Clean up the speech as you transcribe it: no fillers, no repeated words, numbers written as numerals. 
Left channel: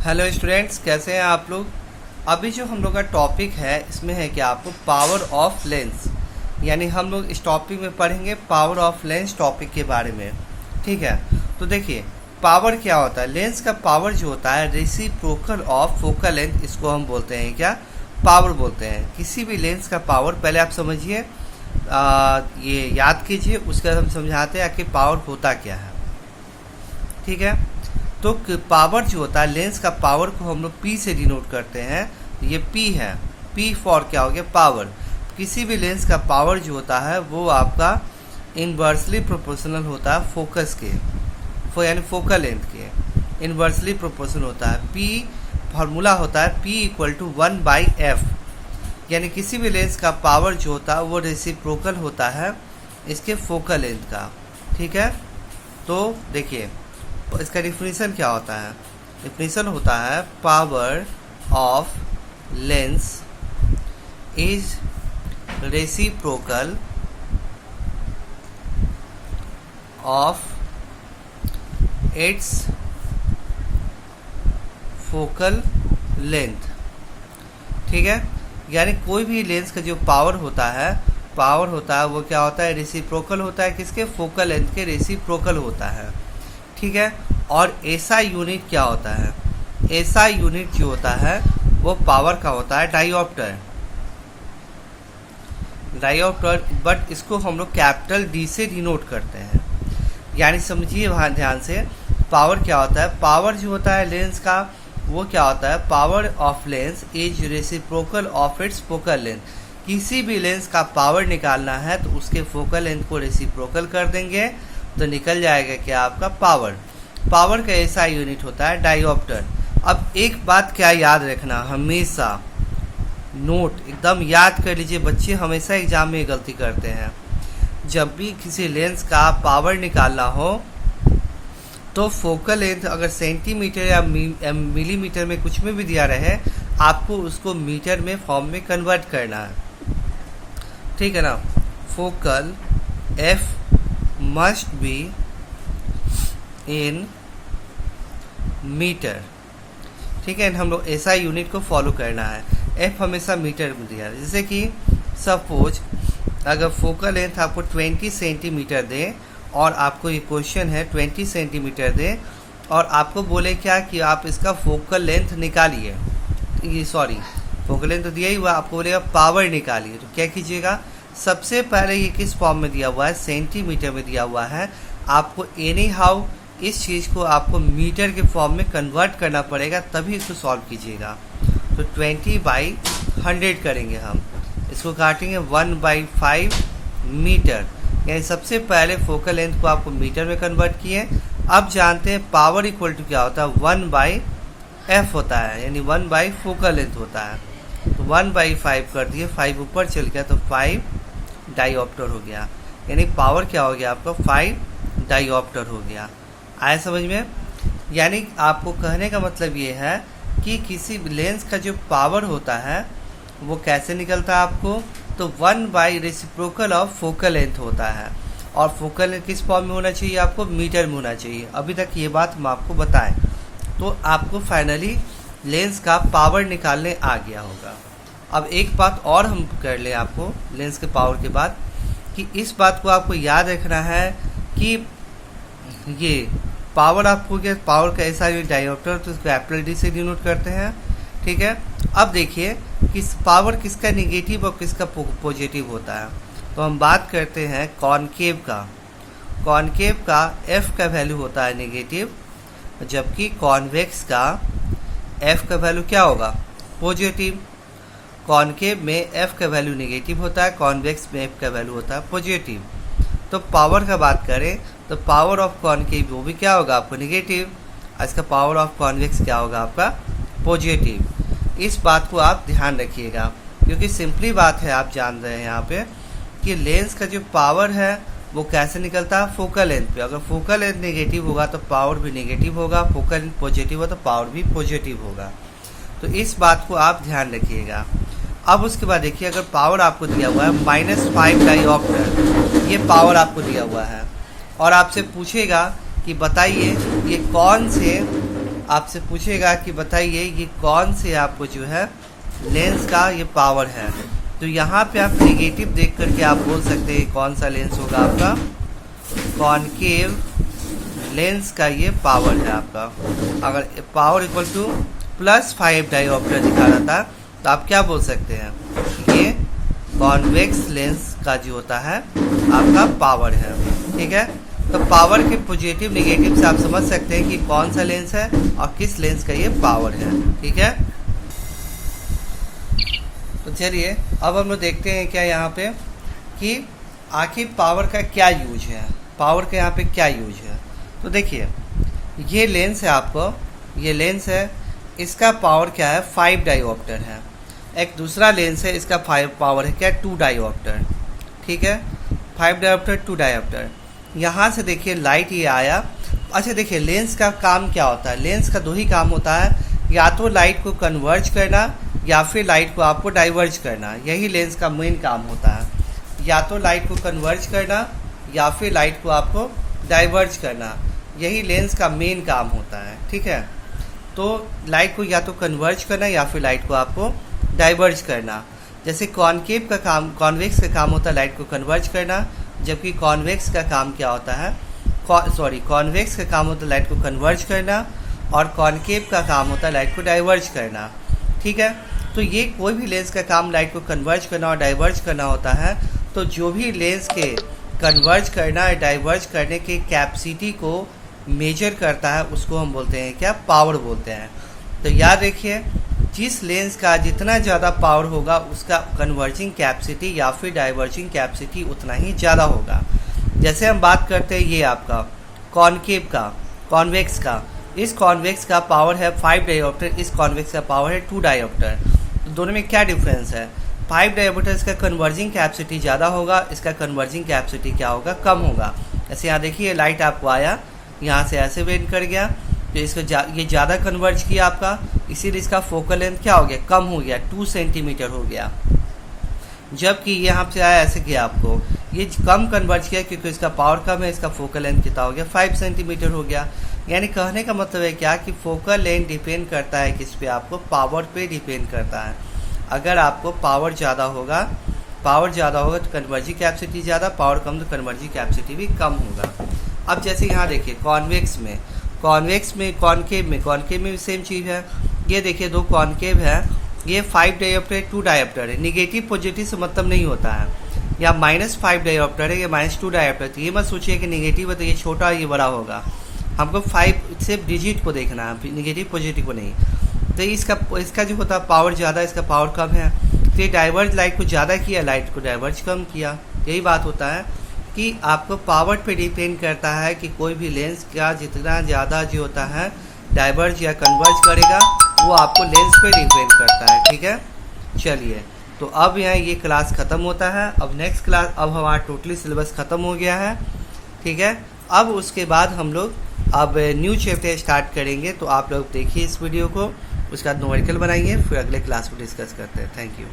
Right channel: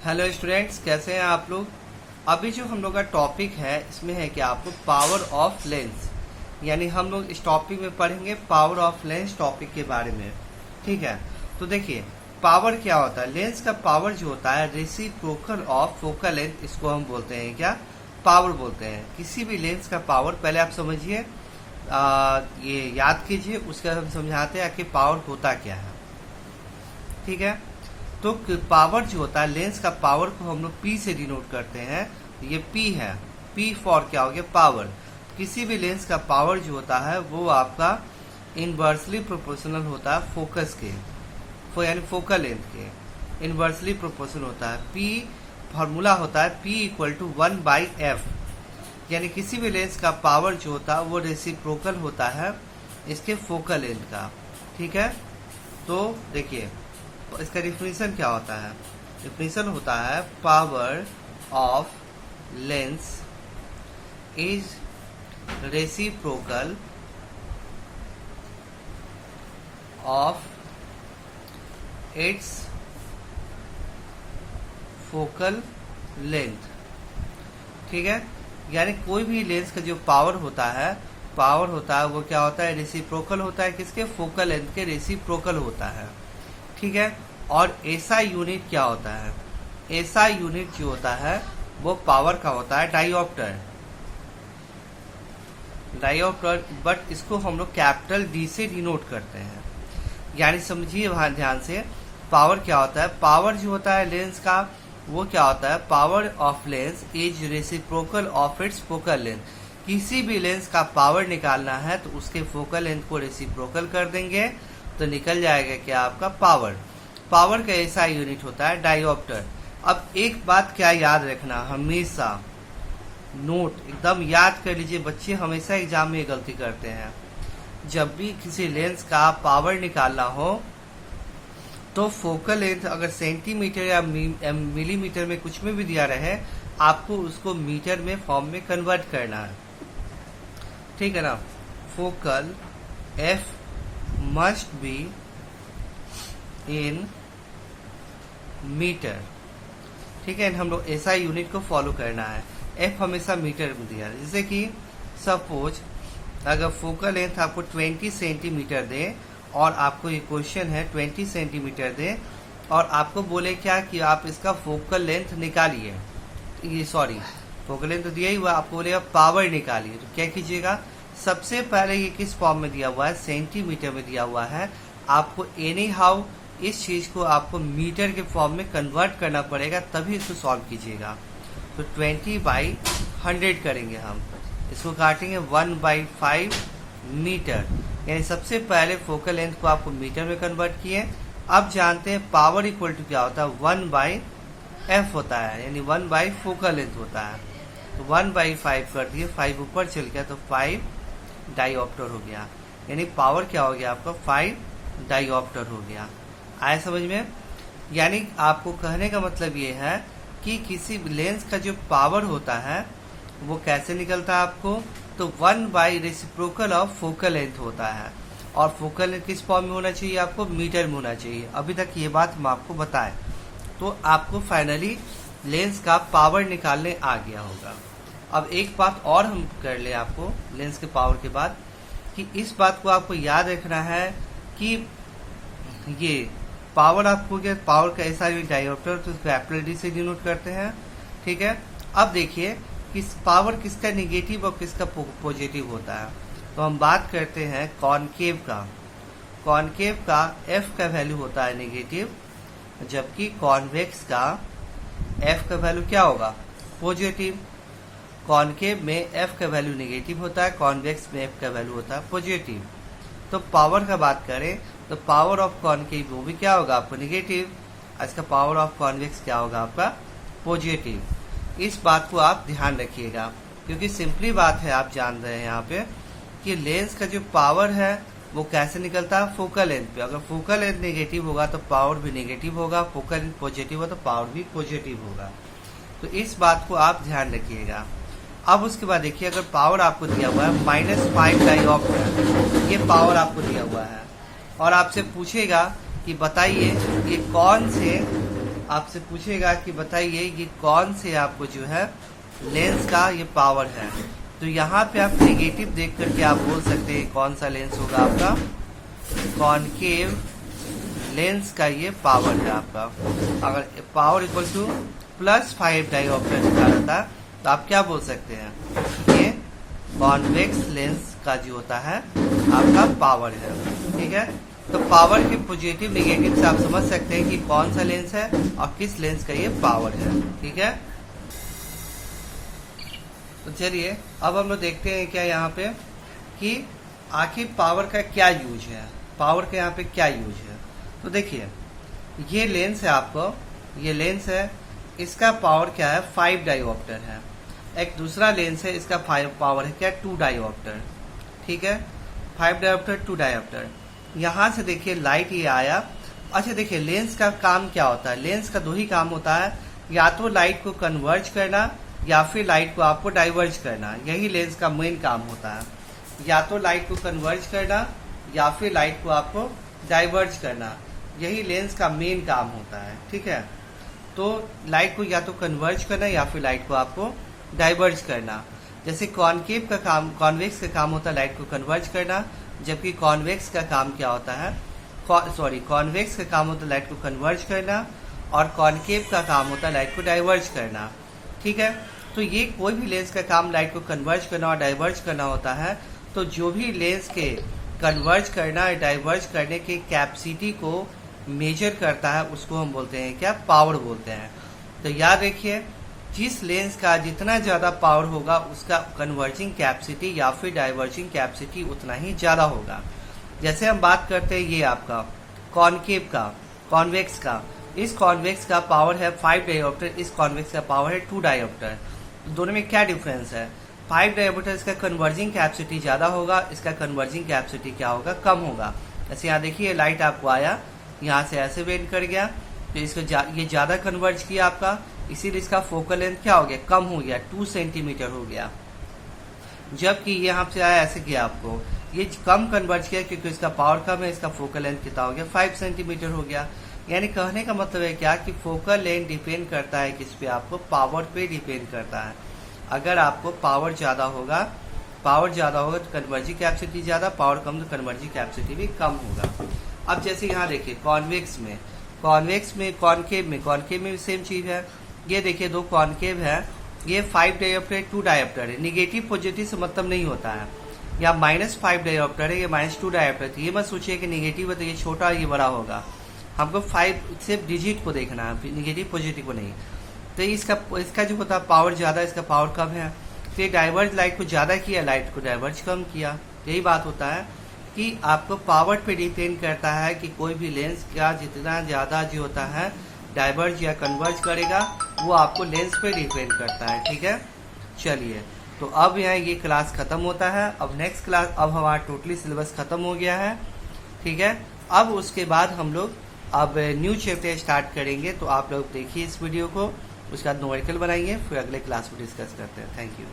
Hello students, कैसे हैं आप लोग। अभी जो हम लोग का टॉपिक है इसमें है कि आपको पावर ऑफ लेंस, यानी हम लोग इस टॉपिक में पढ़ेंगे पावर ऑफ लेंस टॉपिक के बारे में। ठीक है, तो देखिए पावर क्या होता है। लेंस का पावर जो होता है रेसिप्रोकल ऑफ फोकल लेंथ, इसको हम बोलते हैं क्या, पावर बोलते हैं। किसी भी लेंस का पावर पहले आप समझिए, ये याद कीजिए, उसका हम समझाते हैं कि पावर होता क्या है। ठीक है, तो पावर जो होता है लेंस का पावर को हम लोग पी से डिनोट करते हैं। ये पी है, पी फॉर क्या हो गया, पावर। किसी भी लेंस का पावर जो होता है वो आपका इनवर्सली प्रोपोर्शनल होता है फोकस के, यानी फोकल लेंथ के इनवर्सली प्रोपोर्शनल होता है। पी फार्मूला होता है पी इक्वल टू 1/f, यानी किसी भी लेंस का पावर जो होता है वो रेसिप्रोकल होता है इसके फोकल लेंथ का। ठीक है, तो देखिए इसका डिफिनीशन क्या होता है। डिफिनीशन होता है power of lens is reciprocal of its focal length. ठीक है, यानी कोई भी लेंस का जो पावर होता है वो क्या होता है, रेसिप्रोकल होता है किसके, फोकल लेंथ के रेसिप्रोकल होता है। ठीक है, और एसआई यूनिट क्या होता है, एसआई यूनिट जो होता है वो पावर का होता है डायोप्टर, बट इसको हम लोग कैपिटल डी से डिनोट करते हैं। यानी समझिए वहां ध्यान से, पावर क्या होता है, पावर जो होता है लेंस का वो क्या होता है, power of lens is reciprocal of its focal length. किसी भी लेंस का पावर निकालना है तो उसके फोकल लेंथ को रेसिप्रोकल कर देंगे तो निकल जाएगा क्या, आपका पावर। पावर का ऐसा यूनिट होता है डायोप्टर। अब एक बात क्या याद रखना, हमेशा नोट एकदम याद कर लीजिए, बच्चे हमेशा एग्जाम में गलती करते हैं। जब भी किसी लेंस का पावर निकालना हो तो फोकल लेंथ अगर सेंटीमीटर या मिलीमीटर में कुछ में भी दिया रहे, आपको उसको मीटर में फॉर्म में कन्वर्ट करना है। ठीक है ना, focal F must be in metre. ठीक है, हम लोग ऐसा यूनिट को फॉलो करना है। एफ हमेशा मीटर में दिया है। जैसे कि सपोज अगर फोकल लेंथ आपको 20 सेंटीमीटर दे और आपको ये क्वेश्चन है 20 सेंटीमीटर दे और आपको बोले क्या कि आप इसका फोकल लेंथ निकालिए, ये सॉरी फोकल लेंथ तो दिया ही हुआ, आपको बोलेगा पावर निकालिए, तो क्या कीजिएगा, सबसे पहले ये किस फॉर्म में दिया हुआ है, सेंटीमीटर में दिया हुआ है। आपको एनी हाउ इस चीज को आपको मीटर के फॉर्म में कन्वर्ट करना पड़ेगा, तभी इसको सॉल्व कीजिएगा। तो 20/100 करेंगे हम, इसको काटेंगे 1/5 मीटर, यानी सबसे पहले फोकल लेंथ को आपको मीटर में कन्वर्ट किए। अब जानते हैं पावर इक्वल टू क्या होता है, 1/f होता है, यानी 1/ फोकल लेंथ होता है। तो 1/5 कर दिए, 5 ऊपर चल गया तो 5 डायोप्टर हो गया, यानी पावर क्या हो गया आपका, 5 डायोप्टर हो गया। आया समझ में। यानी आपको कहने का मतलब ये है कि किसी लेंस का जो पावर होता है वो कैसे निकलता है आपको, तो 1/ रेसिप्रोकल ऑफ फोकल लेंथ होता है। और फोकल लेंथ किस फॉर्म में होना चाहिए, आपको मीटर में होना चाहिए। अभी तक ये बात हम आपको बताएं तो आपको फाइनली लेंस का पावर निकालने आ गया होगा। अब एक बात और हम कर ले आपको लेंस के पावर के बाद, कि इस बात को आपको याद रखना है कि ये पावर आपको क्या, पावर का ऐसा डायोप्टर तो कैपिटल डी से डिनोट करते हैं। ठीक है, अब देखिए किस पावर किसका निगेटिव और किसका पॉजिटिव होता है। तो हम बात करते हैं कॉनकेव का। कॉनकेव का एफ का वैल्यू होता है निगेटिव, जबकि कॉन्वेक्स का एफ का वैल्यू क्या होगा, पॉजिटिव। कॉनकेव में एफ का वैल्यू नेगेटिव होता है, कॉन्वेक्स में एफ का वैल्यू होता है पॉजिटिव। तो पावर का बात करें तो पावर ऑफ कॉनकेव वो भी क्या होगा आपको नेगेटिव, इसका पावर ऑफ कॉन्वेक्स क्या होगा आपका पॉजिटिव। इस बात को आप ध्यान रखिएगा, क्योंकि सिंपली बात है, आप जान रहे हैं यहाँ पे कि लेंस का जो पावर है वो कैसे निकलता है, फोकल लेंथ पे। अगर फोकल लेंथ नेगेटिव होगा तो पावर भी नेगेटिव होगा, फोकल लेंथ पॉजिटिव हो तो पावर भी पॉजिटिव होगा। तो इस बात को आप ध्यान रखिएगा। अब उसके बाद देखिए, अगर पावर आपको दिया हुआ है -5 डायोप्टर, ये पावर आपको दिया हुआ है और आपसे पूछेगा कि बताइए ये कौन से आपसे पूछेगा कि बताइए ये कौन से आपको जो है लेंस का ये पावर है। तो यहाँ पे आप नेगेटिव देख करके आप बोल सकते हैं कौन सा लेंस होगा आपका, कॉनकेव लेंस का ये पावर है आपका। अगर पावर इक्वल टू +5 डायोप्टर दिखा रहा था तो आप क्या बोल सकते हैं, ये कॉन्वेक्स लेंस का जो होता है आपका पावर है। ठीक है, तो पावर के पॉजिटिव नेगेटिव से आप समझ सकते हैं कि कौन सा लेंस है और किस लेंस का ये पावर है। ठीक है, तो चलिए अब हम लोग देखते हैं क्या यहाँ पे कि आखिर पावर का क्या यूज है, पावर का यहाँ पे क्या यूज है। तो देखिए ये लेंस है आपको, ये लेंस है, इसका पावर क्या है 5 डायोप्टर है। एक दूसरा लेंस है, इसका 5 पावर है क्या 2 डायोप्टर। ठीक है, 5 डायोप्टर 2 डायोप्टर। यहाँ से देखिए लाइट ये आया। अच्छा देखिए लेंस का काम क्या होता है, लेंस का दो ही काम होता है, या तो लाइट को कन्वर्ज करना या फिर लाइट को आपको डाइवर्ज करना, यही लेंस का मेन काम होता है। या तो लाइट को कन्वर्ज करना या फिर लाइट को आपको डाइवर्ज करना, यही लेंस का मेन काम होता है। ठीक है, तो लाइट को या तो कन्वर्ज करना या फिर लाइट को आपको डाइवर्ज करना। जैसे कॉनकेव का काम, कॉन्वेक्स का काम होता है लाइट को कन्वर्ज करना, जबकि कॉन्वेक्स का काम क्या होता है, कॉन्वेक्स का काम होता है लाइट को कन्वर्ज करना और कॉनकेव का काम होता है लाइट को डाइवर्ज करना। ठीक है, तो ये कोई भी लेंस का काम लाइट को कन्वर्ज करना और डाइवर्ज करना होता है। तो जो भी लेंस के कन्वर्ज करना या डाइवर्ज करने के कैपेसिटी को मेजर करता है उसको हम बोलते हैं क्या, पावर बोलते हैं। तो याद रखिए जिस लेंस का जितना ज़्यादा पावर होगा उसका कन्वर्जिंग कैपेसिटी या फिर डाइवर्जिंग कैपेसिटी उतना ही ज़्यादा होगा। जैसे हम बात करते हैं ये आपका कॉनकेव का, कॉन्वेक्स का, इस कॉन्वेक्स का पावर है 5 डायोप्टर, इस कॉन्वेक्स का पावर है 2 डायोप्टर। तो दोनों में क्या डिफरेंस है, 5 डायोप्टर इसका कन्वर्जिंग कैपेसिटी ज़्यादा होगा, इसका कन्वर्जिंग कैपेसिटी क्या होगा, कम होगा। जैसे यहाँ देखिए लाइट आपको आया, यहाँ से ऐसे बेंड कर गया तो इसका ये ज़्यादा कन्वर्ज किया आपका, इसीलिए इसका फोकल लेंथ क्या हो गया, कम हो गया, 2 सेंटीमीटर हो गया। जबकि यहाँ से आया ऐसे किया आपको, ये कम कन्वर्ज किया क्योंकि इसका पावर कम है, इसका फोकल लेंथ कितना हो गया 5 सेंटीमीटर हो गया। यानी कहने का मतलब है क्या कि फोकल लेंथ डिपेंड करता है किस पे, आपको पावर पे डिपेंड करता है। अगर आपको पावर ज़्यादा होगा तो कन्वर्जिंग कैपेसिटी ज़्यादा, पावर कम तो कन्वर्जिंग कैपेसिटी भी कम होगा। अब जैसे यहाँ देखिए कॉन्वेक्स में, कॉनकेव में भी सेम चीज़ है। ये देखिए दो कॉनकेव है, ये 5 डायोप्टर 2 डायोप्टर है, निगेटिव पॉजिटिव से मतलब नहीं होता है। या -5 डायोप्टर है, ये -2 डायोप्टर। तो ये मत सोचिए कि निगेटिव है तो ये छोटा ये बड़ा होगा, हमको 5 से डिजिट को देखना है, निगेटिव पॉजिटिव को नहीं। तो इसका जो होता है पावर ज़्यादा, इसका पावर कम है, तो ये डाइवर्ज लाइट को ज़्यादा किया, लाइट को डाइवर्ज कम किया। यही बात होता है कि आपको पावर पे डिपेंड करता है कि कोई भी लेंस का जितना ज़्यादा जो होता है डाइवर्ज या कन्वर्ज करेगा वो आपको लेंस पे डिपेंड करता है। ठीक है, चलिए तो अब यहाँ ये क्लास ख़त्म होता है। अब नेक्स्ट क्लास, अब हमारा टोटली सिलेबस ख़त्म हो गया है। ठीक है, अब उसके बाद हम लोग अब न्यू चैप्टर स्टार्ट करेंगे। तो आप लोग देखिए इस वीडियो को, उसका न्यूमेरिकल बनाइए, फिर अगले क्लास में डिस्कस करते हैं। Thank you.